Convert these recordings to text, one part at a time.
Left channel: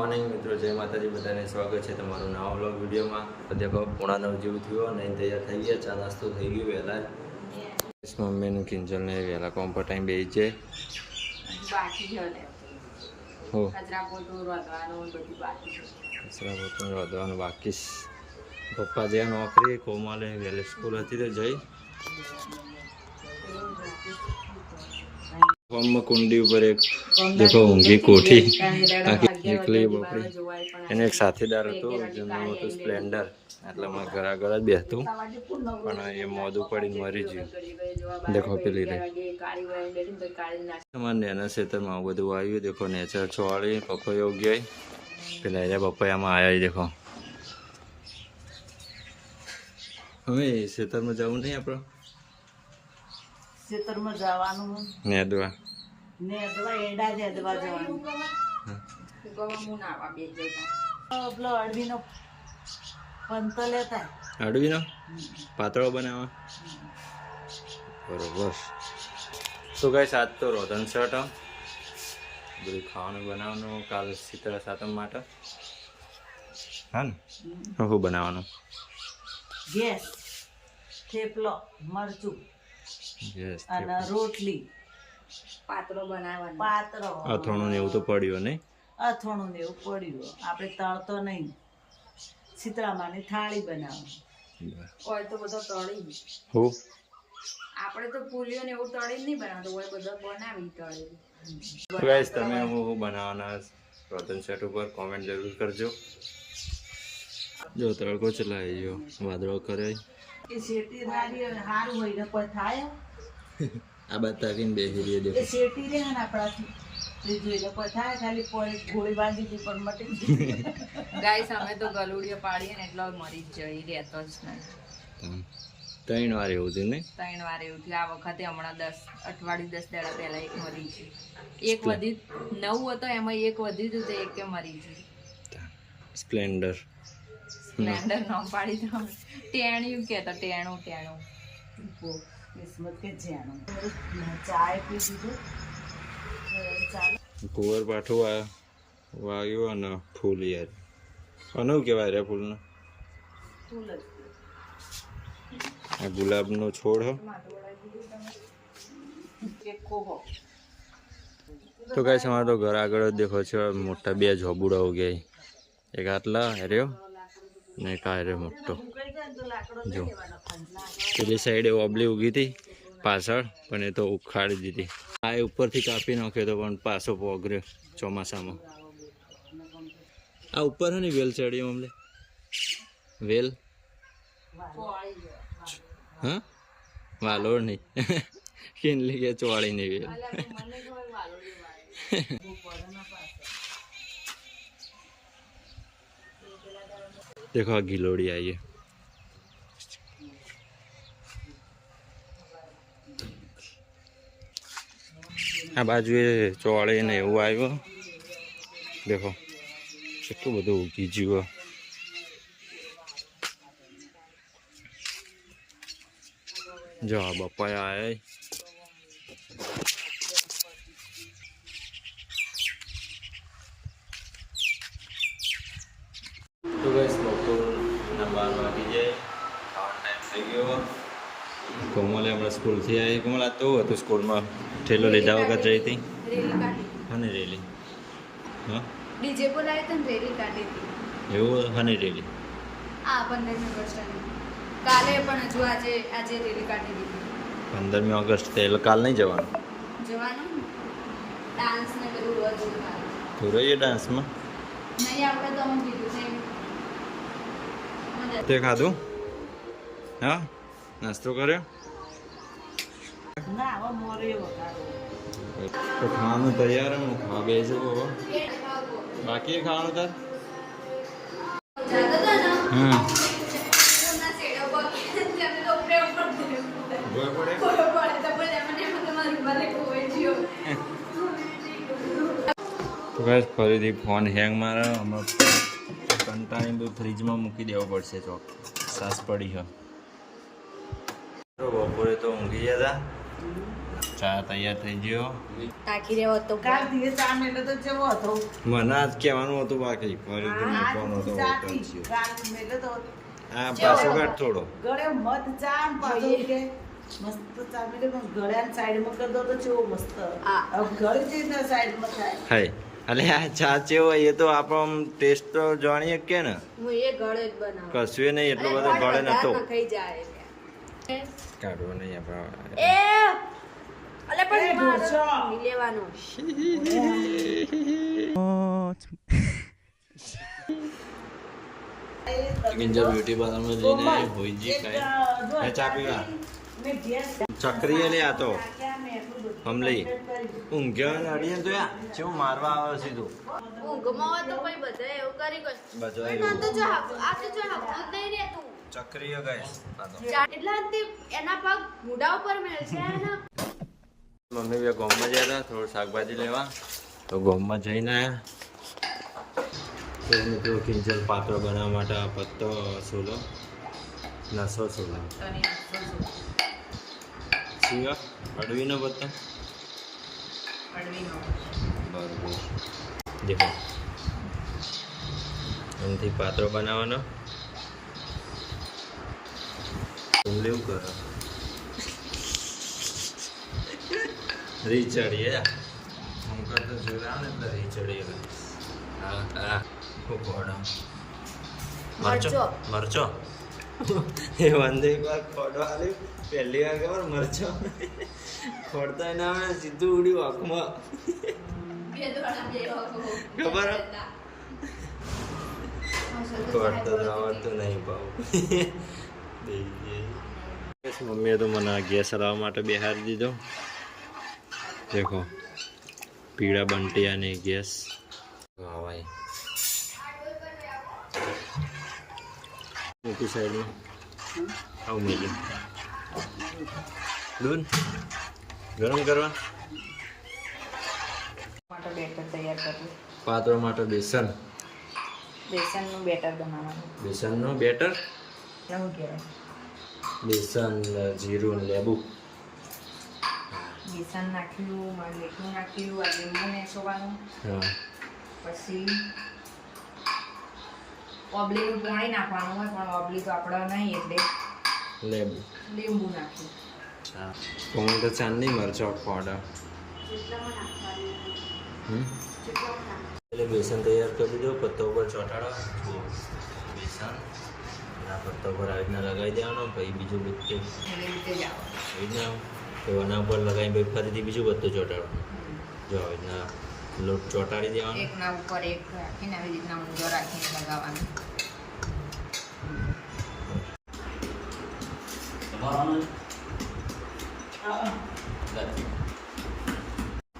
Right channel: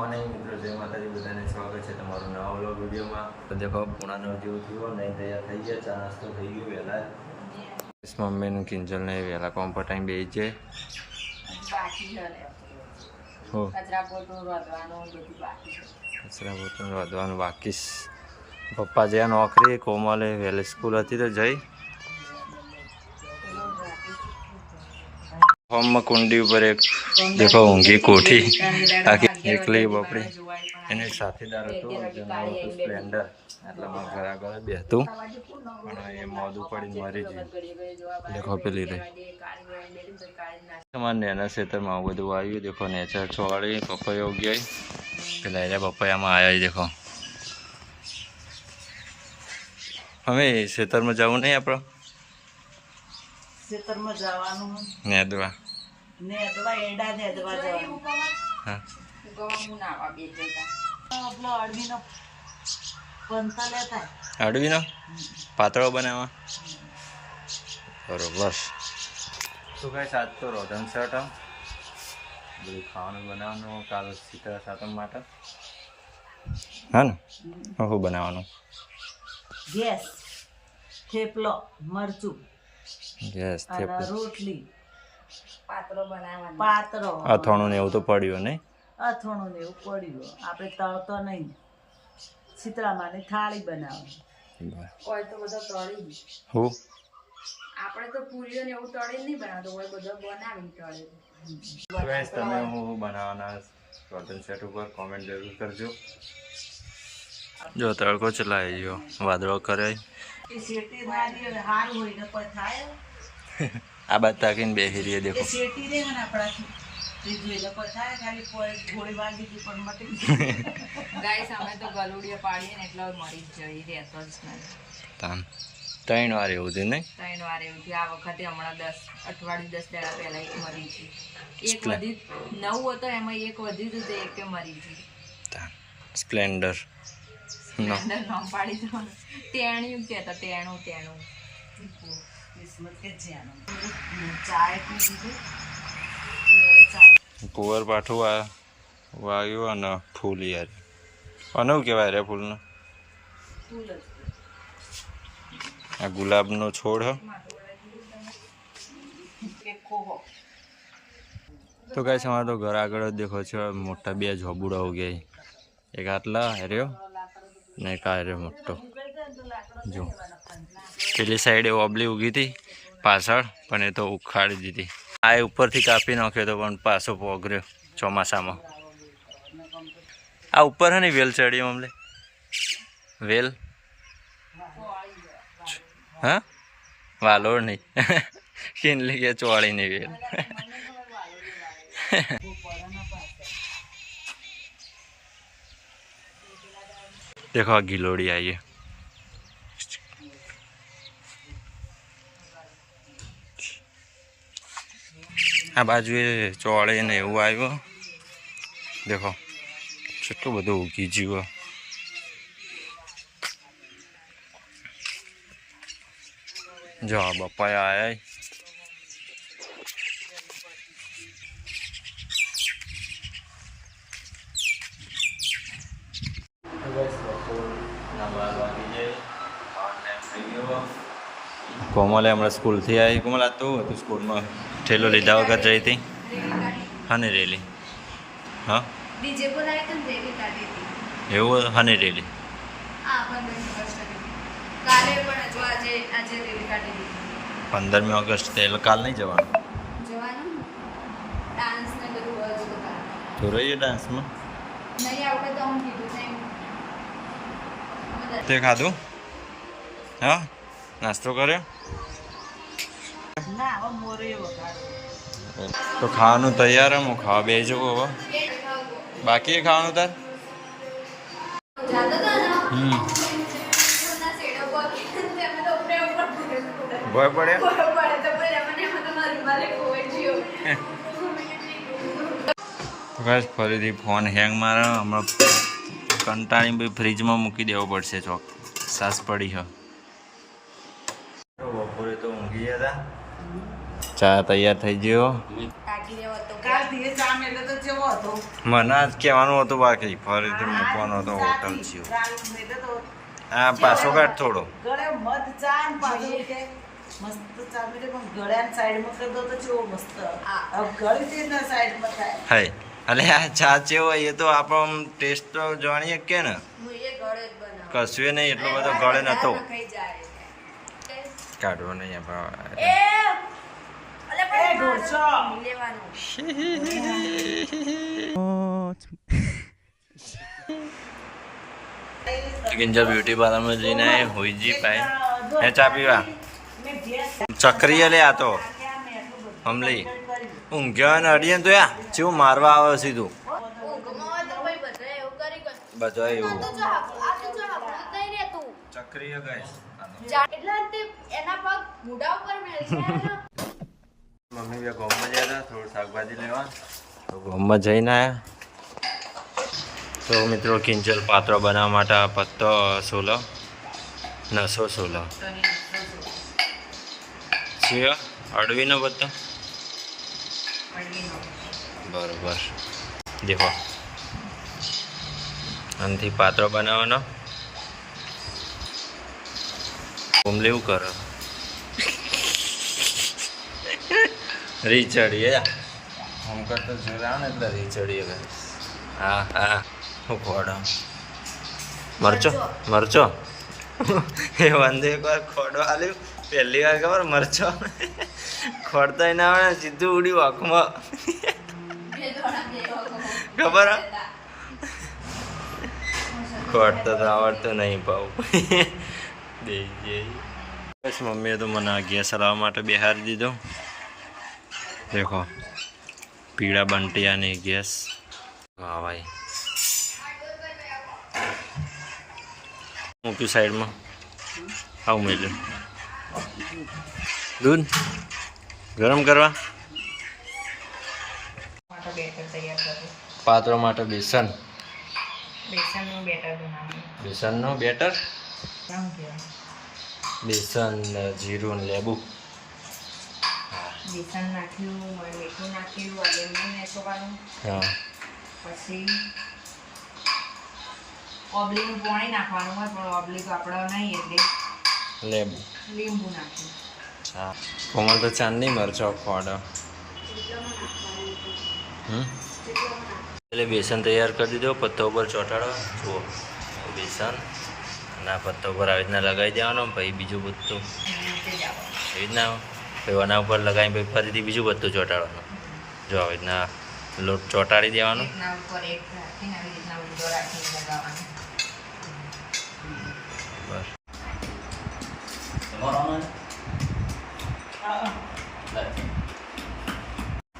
Morning મિત્રો, જય માતાજી, બધાને સ્વાગત છે તમારું નવા વ્લોગ વિડીયોમાં। તો દેખો 9:30 જેવું થયું, નહીં તૈયાર થઈ ગયા, ચા નાસ્તો થઈ ગયો વહેલા। મમ્મીનું કિંજલને વહેલા કોમ પર ટાઈમ બેસી જાય કચરા પોતું રોધવાનું બાકી। પપ્પા જ્યાં નોકરી, કોમલે વહેલી સ્કૂલ હતી તો જઈ હોમમાં કુંડી ઉપર એક દેખો ઊંઘી કોઠી આખી એકલી બપડી। એનો એક સાથીદાર હતો જેનું નામ હતું સ્પ્લેન્ડર, એટલામાં ઘર જ બેસતું અને એ મોદું પડીને મરી ગયું। દેખો પેલી રહી અમારા નેના ખેતરમાં આવું બધું આવ્યું। દેખો નેચર છોડી પપૈયો ગયા, પેલા એરિયા પપૈયામાં આવ્યા। દેખો અમે ખેતરમાં જવું નહીં આપણે ખેતરમાં જવાનું નેદવા એડા નેદવા જવાનું। હા પેલો અડવીનો પંતો લેતા અડવીનો પાતળો બનાવવા બરોબર। શું કઈ સાત તો રોધન શર્ટ બધું ખાવાનું બનાવવાનું કાલ શીતળ સાતમ માટે। હા ને શું બનાવવાનું? ગેસ થેપલો મરચું ગેસ અને રોટલી પાતળો અથાણું ને એવું તો પડ્યું નહીં? અથાણું ને એવું પડ્યું, આપણે તળતો નહીં। શીતળામાની થાળી બનાવવાની હોય તો બધો તળી હું આપણે તો પૂરીઓ ને એવું તળી નહીં બનાવતો હોય, બધો બનાવી તળેલું। ગાઈસ તમે હું બનાવવાના રોધન સેટ ઉપર કોમેન્ટ જરૂર કરજો। જો તડકો ચલાવી ગયો, વાદળો કરે એ શેટી વાળી હારું હોય ને કોઈ થાય આ બાદ તાકીને બેસી રહીએ। દેખો એ શેટી રે ને આપણાથી જોઈ લો કોઈ થાય, ખાલી ગોળી બાંધી હતી પણ મટી ગાઈસ અમે તો ગલુડીઓ પાડીએ ને એટલે મરી જ જઈ રહેતો જ નહીં। તાન 3 વાર એવું થયું નહીં? 3 વાર એવું થયું। આ વખતે હમણાં 10 અઠવાડિયું 10 દાડા પહેલા એક મરી ગયું, એક વધી 9 હતો એમાં એક વધી હતું તો એક મરી ગયું। તાન સ્પ્લેન્ડર સ્પ્લેન્ડર નામ પાડી દો, ટેણ્યું કહેતા ટેણું કિસ્મત કે જ્યાંનું ચાય પી દીધું। કુંવર પાઠું વાગ્યું અને ફૂલ યાર અને શું કહેવાય રે ફૂલનો? આ ગુલાબનો છોડ હ। તો કાંઈ અમારે તો ઘર આગળ જ દેખો છો મોટા 2 ઝોબુડા ઉગ્યા, એક આટલા હેર્યો ને એક આ હેર્યો મોટો। જો પેલી સાઈડ એ ઓબલી ઉગી હતી પાછળ, પણ એ તો ઉખાડી દીધી। આ ઉપરથી કાપી નાખ્યો તો પણ પાછો પોગર્યો ચોમાસામાં। આ ઉપર હે ને વેલ ચડી અમને વેલ, હા વાલોડ નહીં કિનલી કે ચોળી નહીં વેલ देखो आ गिलोड़ी आई है। आ बाजू ચોળે ને એવું આવ્યું। દેખો કેટલું બધું ઉગી ગયું। જો આ બપાયા આયા તો ગાઈસ બપોરના 12 વાગી જાય, ખાવાનો ટાઈમ થઈ ગયો। કોમલે હમણાં સ્કૂલથી આવી। કોમલ આ તો હતું સ્કૂલમાં ઠેલો લીધા વગર જઈ હતી? હની રેલી? હા ડીજે બોલાવે તો રેલી કાઢી હતી એવું? હની રેલી? આ 15મી ઓગસ્ટ કાલે પણ હજુ આજે રેલી કાઢી દીધી। 15મી ઓગસ્ટ તે કાલ નહીં જવાનું? જવાનું ડાન્સ ને બધું તો રહીએ ડાન્સમાં નહીં આવડે તો હું કીધું છે। તે ખાધું? હા નાસ્તો કર્યો? ના હવે મોરે વગાડો તો ખાવાનું તૈયાર હું ખાવા બે જવું હવે બાકી ખાવાનું તાર? ભય પડ્યા તો ગાઈસ ફરીથી ફોન હેંગ મારે। હમણાં કંટાળી ભાઈ ફ્રીજમાં મૂકી દેવો પડશે ચોક, સાસ પડી છે। બપોરે તો ઊંઘી ગયા હતા ચા તૈયાર થઈ ગયો. તાકી રહ્યો હતો કાલ દિવસ ચા મેલો તો જેવો હતો મને આજ કહેવાનું હતું બાકી ફરીથી મૂકવાનો હતો હોટલ થયો. કાલ મેલો તો હા પાછો કાઢ થોડો. ગળે મધ ચા ને પાછો કે મસ્ત ચા મેલે પણ ગળ્યાની સાઈડમાં કરી દો તો જેવો મસ્ત હવે ગળી જઈને સાઈડમાં થાય હાય અલે આ ચા ચેવો એ તો આપણો ટેસ્ટ તો જાણીએ કે ને હું એ ગળે જ બનાવું કશું નહીં એટલો બધો ગળે નતો ખાઈ જાય કાઢવો નહીં આપણે એ અલે એ પણ ઢોસો લેવાનું કિંજલ બ્યુટી પાર્લરમાં જઈને આય હોઈજી પાય હે ચા પીવા મેં ગેસ ચક્રીએ લે આ તો હમલી ઊંઘ્યા ને અડીએ ને તો યા જેવું મારવા આવે સીધું ઊંઘમાં તો ભાઈ બધા એવું કરી ગયો બધા એવું આ તો જો હકતું જ નહીં રહેતું ચક્રીએ ગઈ એટલે તે એના પગ મુઢા ઉપર મેલશે મમ્મી બે ગામમાં ગયા હતા થોડું શાકભાજી લેવા તો ગામમાં જઈને આવ્યા તો મિત્રો કિંજલ પાત્રો બનાવવા માટે આ પત્તો સોલો નસો સોલો છે અડવીનો પત્તો બરોબર દેખો આનાથી પાત્રો બનાવવાનો કુમલી એવું કરો રીચડીએ હું કરતો જોયા ને એટલે રીચડીએ હા હા હું ખોડો મરચો મરચો એ વંદે એકવાર ખોડો આલ્યું પહેલી વાર ખબર મરચો ખોડતા ના આવે સીધું ઉડી વાંકમાં ખબર ખોડતો તો આવડતું નહીં પાવું બસ મમ્મીએ તો મને ગેસ હલાવવા માટે બેહારી દીધો દેખો પીળા બંટિયાની ગેસ હા ભાઈ મૂક્યું સાઈડમાં આવું મેલ્યું દૂધ ગરમ કરવા માટે બેટર તૈયાર કરું પાત્રો માટે બેસન બેસનનું બેટર બનાવવાનું બેસનનું બેટર શું કહેવાય બેસન જીરું ને લેબુ બેસન નાખ્યું મીઠું નાખ્યું આ લીંબુ નાખવાનું હા પછી ઓબલીનું પાણી નાખવાનું હોય પણ ઓબલી તો આપણે નહીં એટલે લેબુ લીંબુ નાખ્યું હા કોમલ તો ચાંદની મરચો ખોડો એટલે બેસન તૈયાર કરી દીધો પત્તા ઉપર ચોંટાડો જુઓ બેસન અને આ પત્તા ઉપર આવી રીતના લગાવી દેવાનો પછી બીજું પત્તું એવી રીતે જ આવે એવી રીતના પછી આના ઉપર લગાવી પછી ફરીથી બીજું પત્તું ચોંટાડવાનું જો આવી રીતના લોટ ચોંટાડી દેવાનો એકના ઉપર એક રાખીને આવી રીતના ઊંધો રાખીને લગાવવાનું બસ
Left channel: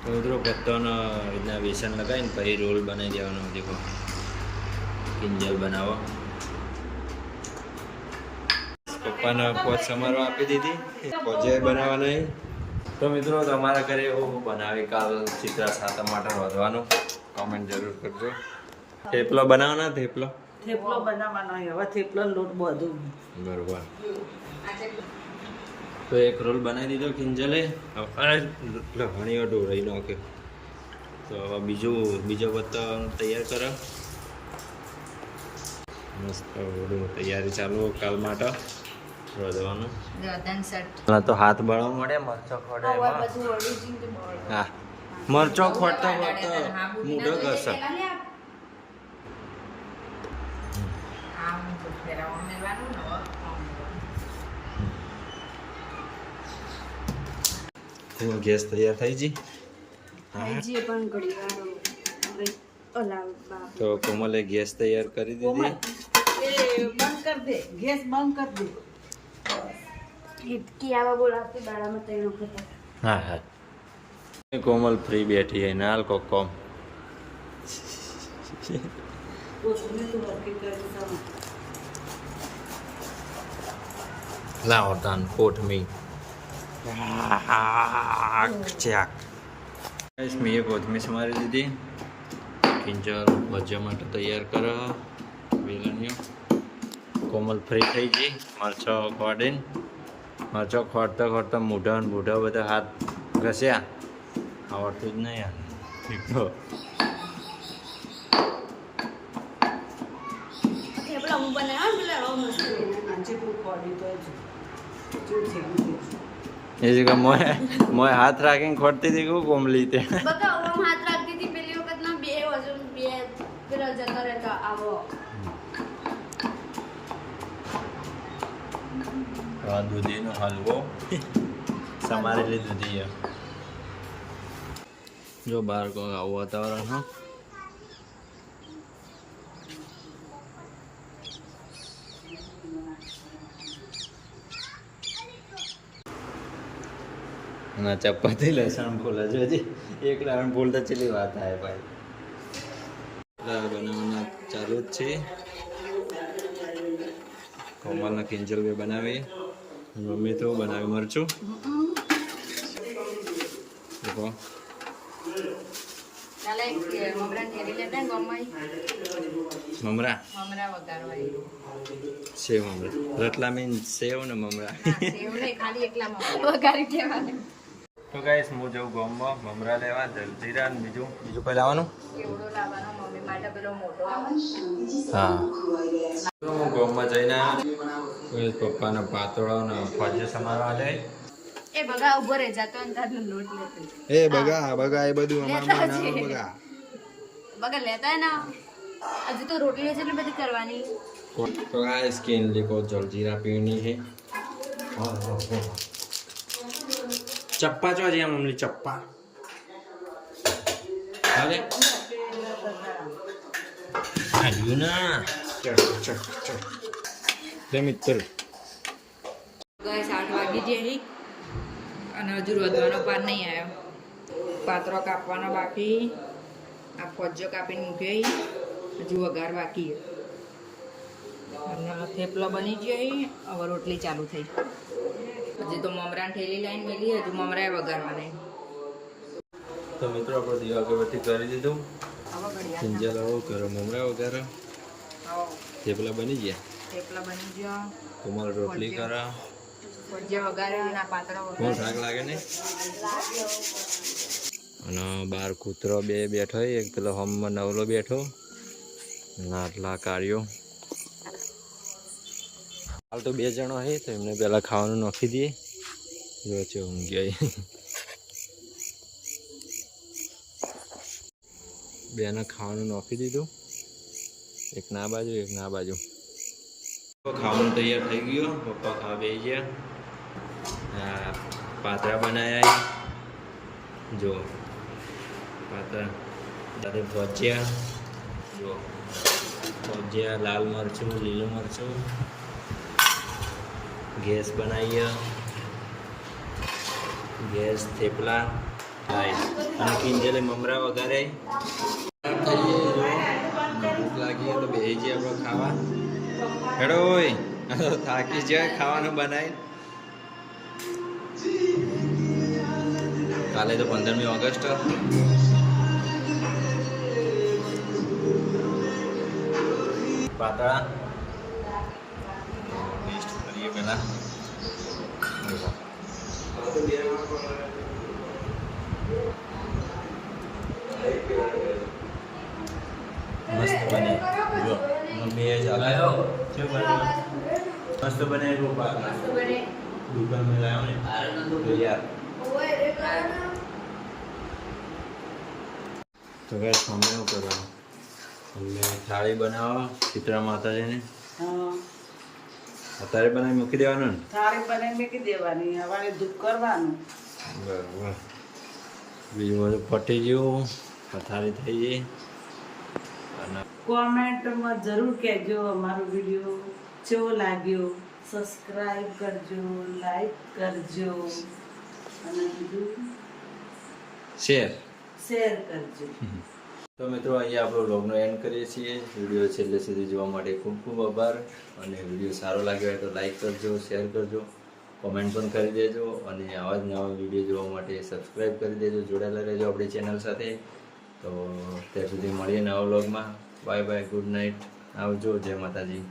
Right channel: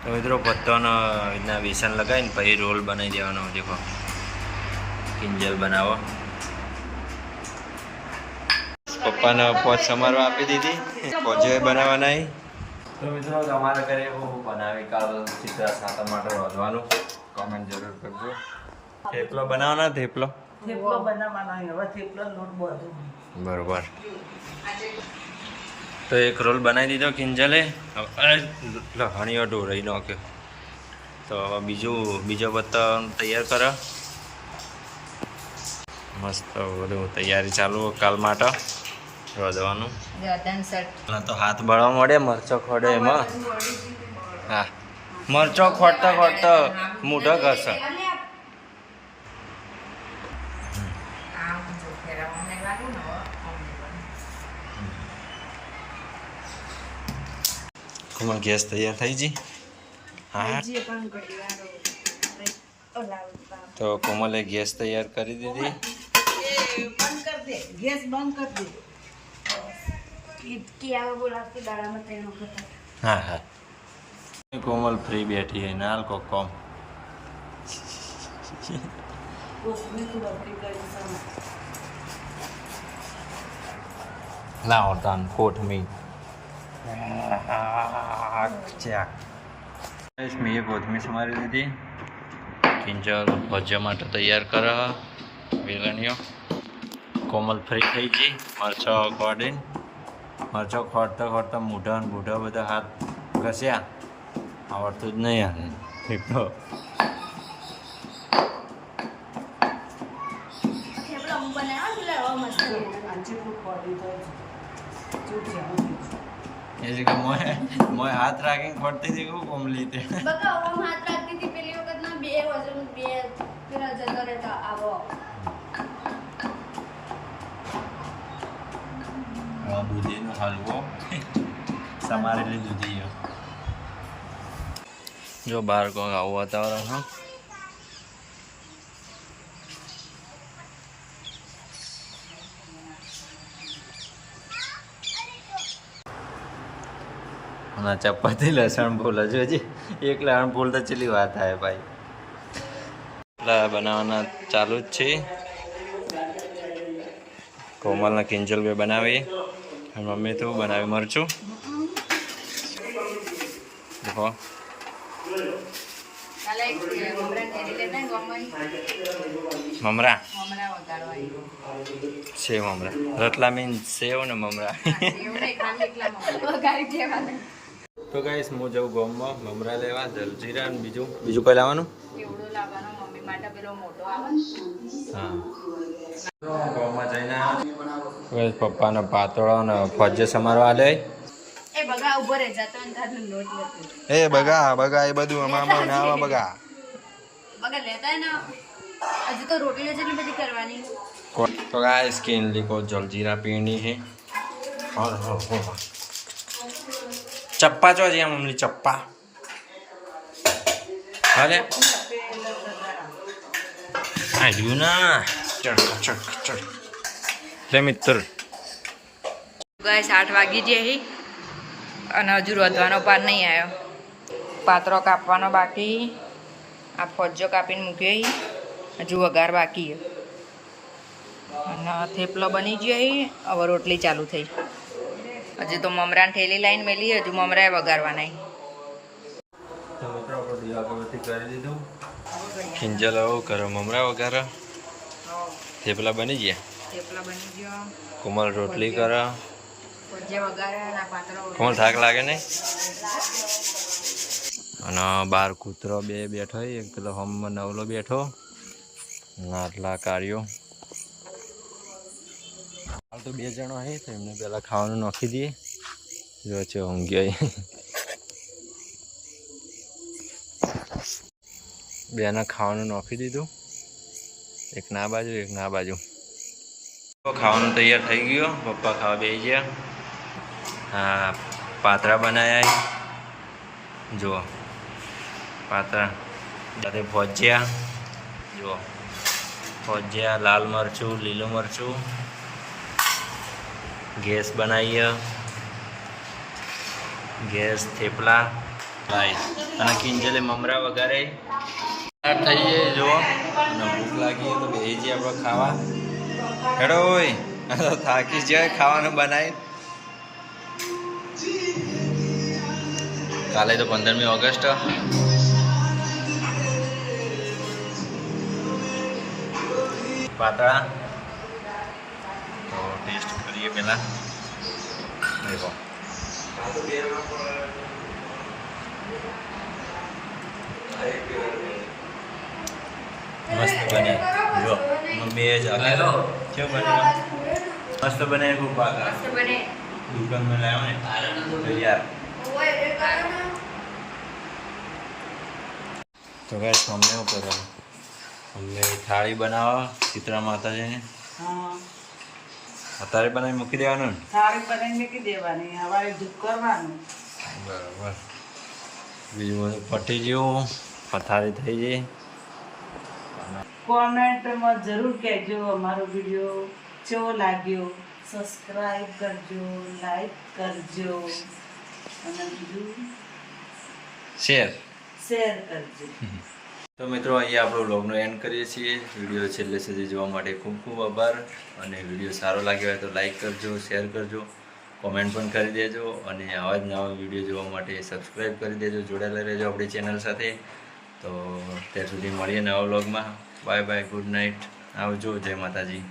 તો મિત્રો પત્તાનો રીતના બેસન લગાવીને પછી રોલ બનાવી દેવાનો દેખો કિંજલ બનાવો પપ્પાને પોચ સમારવા આપી દીધી પોચે બનાવવા નહીં તો મિત્રો તમારા ઘરે એવું બનાવી કાલ ચિત્રા સાતમ માટે રોધવાનું કોમેન્ટ જરૂર કરજો થેપલો બનાવવાના થેપલો થેપલો બનાવવાનો હોય હવે થેપલો લોટ બધું બરોબર તો એક રોલ બનાવી દીધો કિંજલે લહણીઓ ઢોરાઈ નાખ્યો તો હવે બીજો પત્તો તૈયાર કરો મસ્ત બધું તૈયારી ચાલુ કાલ માટે રોધવાનું તો હાથ બળવા મળે મરચો ખોડે એમાં હા મરચો ખોટતા ખોટતા મૂઢો ઘસે આમ જો ફેરવવા મેળવાનું ને આમ કોમલ ગેસ તૈયાર થઈ જી હા તો કોમલે ગેસ તૈયાર કરી દીધી એ બંધ કર દે ગેસ બંધ કર દે હા હા કોમલ ફ્રી બેઠી है नाल को कम કોસને તું વર્કી કરી સમજ લાવો તાન કોટ મી ચાક મેં કોથમી સમારી દીધી કિંજલ ભજીયા માટે તૈયાર કરો વેલણીઓ કોમલ ફ્રી થઈ ગઈ મરચો ખોડીને મરચો ખોડતા ખોડતા મૂઢા ને બૂઢા બધા હાથ ઘસ્યા આવડતું જ નહીં યાર એક તો જેટલું પડ્યું તો એ જ મોય હાથ રાખીને ખોટતી હતી કેવું કોમલી તે બકા ઓમ હાથ રાખતી હતી પેલી વખત ના બે વજન બે પેલા જતો રહેતો આવો દૂધીનો હલવો સમારેલી દૂધી જો બહાર કોક આવું વાતાવરણ હા અને ચપાતી લસણ ફૂલ હજુ હજી એક લસણ ફૂલ તો ચેલી વાત થાય ભાઈ એટલે બનાવવાના ચાલુ જ છે કોમલના કિંજલ બે બનાવી મમ્મી તો બનાવી મરચું દેખો મમરા સેવ મમરા રતલા મીન સેવ ને મમરા તો ગાઈસ હું જઉં ગામમાં મમરા લેવા જલજીરા ને બીજું કઈ લાવવાનું હા તો હું ગામમાં જઈને પપ્પાના પાતળો ને ફજ્જે સમારવા લે એ બગા ઉભો રહે જતો ને તારનો લોટ લેતો એ બગા એ બધું અમારમાં ના આવે બગા લેતા ને હજુ તો રોટલી જેટલી બધી કરવાની તો ગાઈસ સ્કિન લીકો જલજીરા પીણી છે ચપ્પા ચો છે મમ્મી ચપ્પા હાલે આવ્યું ના ચડ લે મિત્ર ગાઈસ 8 વાગી જાય અને હજુ રોધવાનો પાર નહીં આવ્યો પાત્રો કાપવાનો બાકી આ ફોજ્જો કાપીને મૂક્યો હજુ વઘાર બાકી અને થેપલો બની ગયો હવે રોટલી ચાલુ થઈ હજી તો મમરાને ઠેલી લાઈન મેલી હજુ મમરાએ વઘારવાના તો મિત્રો આપણે દીવા અગરબત્તી કરી દીધું ખીંજલ આવો કરો મમરા વઘારો થેપલા બની ગયા થેપલા બની ગયો કોમલ રોટલી કરો ફોજ્જે વઘારે અને આ પાત્રો કોણ થાક લાગે નહીં અને બાર કૂતરો બે બેઠો એક પેલો હોમમાં નવલો બેઠો આટલા કાર્યો હાલ તો 2 જણો છે તો એમને પેલા ખાવાનું નાખી દઈએ જો છે ઊંઘ્યો બેને ખાવાનું નાખી દીધું એક ના બાજુ એક ના બાજુ ખાવાનું તૈયાર થઈ ગયો પપ્પા ખાવા બેસી ગયા હા પાતરા બનાવ્યા જુઓ પાતરા સાથે ભજીયા જુઓ ભજીયા લાલ મરચું લીલું મરચું ગેસ બનાવીએ ગેસ થેપલા અને કિંજલે મમરા વઘારે થઈ જાય જુઓ અને ભૂખ લાગી તો બેસી જઈએ આપણે ખાવા હેડો હોય તો થાકી જાય ખાવાનું બનાવી કાલે તો 15મી ઓગસ્ટ પાતળા તો ટેસ્ટ કરીએ પહેલાં દેખો મસ્ત બની જો મમ્મી જ કેવું બન્યું મસ્ત બનાવી ખૂબ મસ્ત બને દુકાનમાં લાવ્યો ને તો યાર તો ગાઈસ અમને શું કરવાનું અમને થાળી બનાવવા શીતળા માતાજીને હા અત્યારે બનાવી મૂકી દેવાનું ને થાળી બનાવી મૂકી દેવાની હવારે ધૂપ કરવાનું બરાબર બીજું બધું પટી ગયું પથારી થઈ ગઈ અને કોમેન્ટમાં જરૂર કહેજો અમારો વિડીયો કેવો લાગ્યો સબસ્ક્રાઈબ કરજો લાઈક કરજો અને બીજું શેર કરજો તો મિત્રો અહીંયા આપણો વ્લોગનો એન્ડ કરીએ છીએ વિડીયો છેલ્લે સુધી જોવા માટે ખૂબ ખૂબ આભાર અને વિડીયો સારો લાગ્યો હોય તો લાઈક કરજો શેર કરજો કોમેન્ટ પણ કરી દેજો અને આવા જ નવા વિડીયો જોવા માટે સબસ્ક્રાઈબ કરી દેજો જોડાયેલા રહેજો આપણી ચેનલ સાથે તો ત્યાં સુધી મળીએ નવા વ્લોગમાં બાય બાય ગુડ નાઇટ આવજો જય માતાજી